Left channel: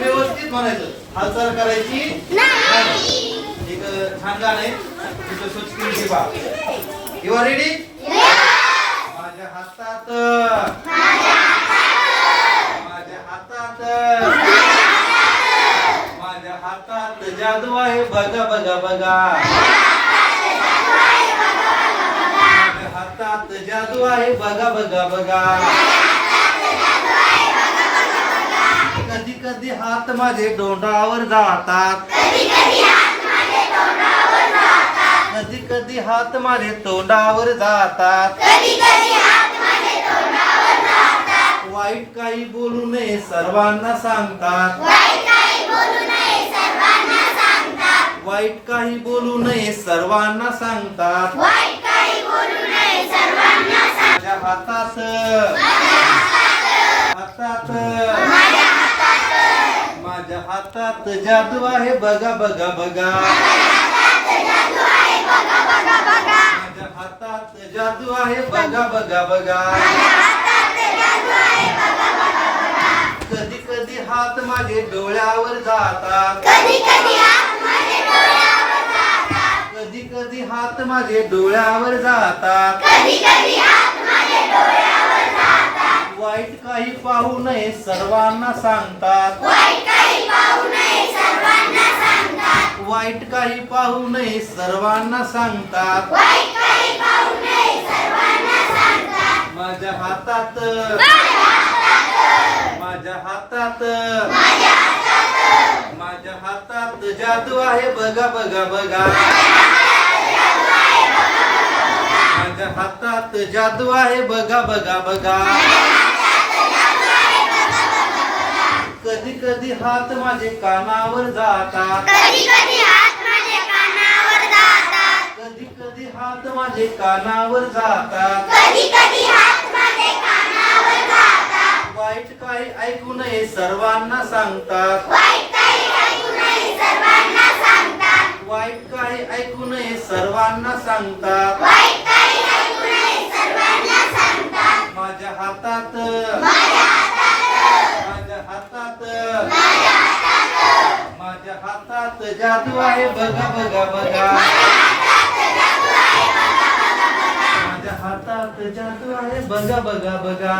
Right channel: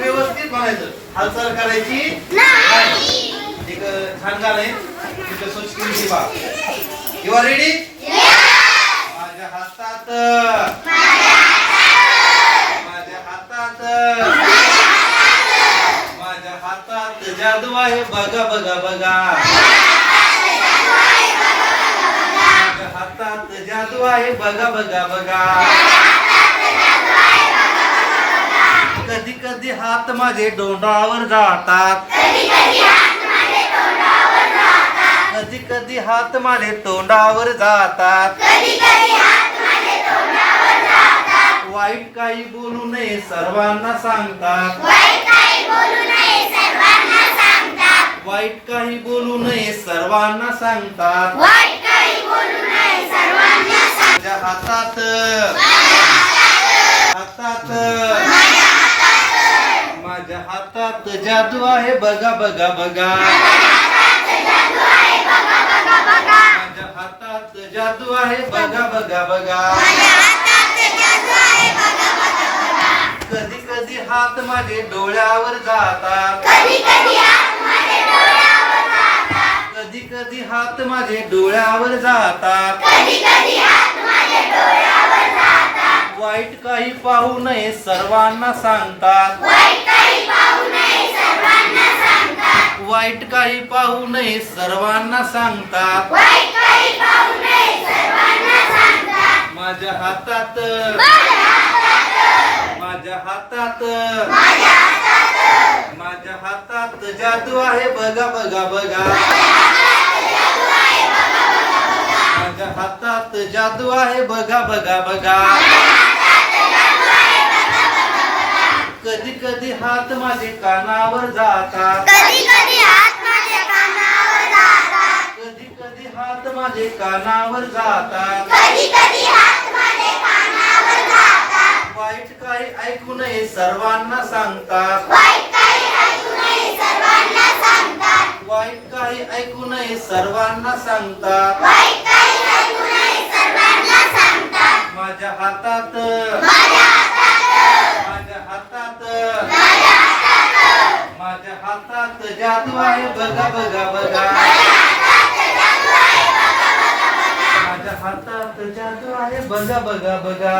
व्यवस्थित म्हणायचं. हालचाल करायची नाही. एक छान गाणं आहे. तिथं स्वच्छ केली बा यू आर रेडी माझ्या हातात. माझ्या हातात. माझ्या हातात. जादू आहे. बघा बघा बघा. माझ्या हातात जादू आहे. बघा बघा बघा. कधी कधी हात माझे डोंडावर जातात. कधी कधी हात माझे तोंडावर जातात. वाईट काही बोलू नये सर्वांना सांगतात. वाईट काही बोलू नये सर्वांना सांगतात. माझ्या हातात हातात हातात जादू आहे बघा बघा बघा. माझ्या हातात जादू आहे बघा बघा बघा. कधी कधी हात माझे डोळ्यावर जातात. कधी कधी हात माझे डोळ्यावर जातात. वाईट काही पाहू नये सर्वांना सांगतात. वाईट काही पाहू नये सर्वांना सांगतात. माझ्या हातात. माझ्या हातात. माझ्या हातात जादू आहे बघा बघा बघा. माझ्या हातात जादू आहे बघा बघा बघा. कधी कधी हात माझे कानावर जातात. कधी कधी हात माझे कानावर जातात. कधी कधी हात माझे कानावर जातात. कधी कधी हात माझे कानावर जातात. वाईट काही ऐकू नये सर्वांना सांगतात. वाईट काही ऐकू नये सर्वांना सांगतात. वाईट काही ऐकू नये सर्वांना सांगतात. वाईट काही ऐकू नये सर्वांना सांगतात. माझ्या हातात माझ्या हातात माझ्या हातात माझ्या हातात माझ्या हातात जादू आहे बघा बघा बघा. माझ्या हातात जादू आहे बघा बघा बघा.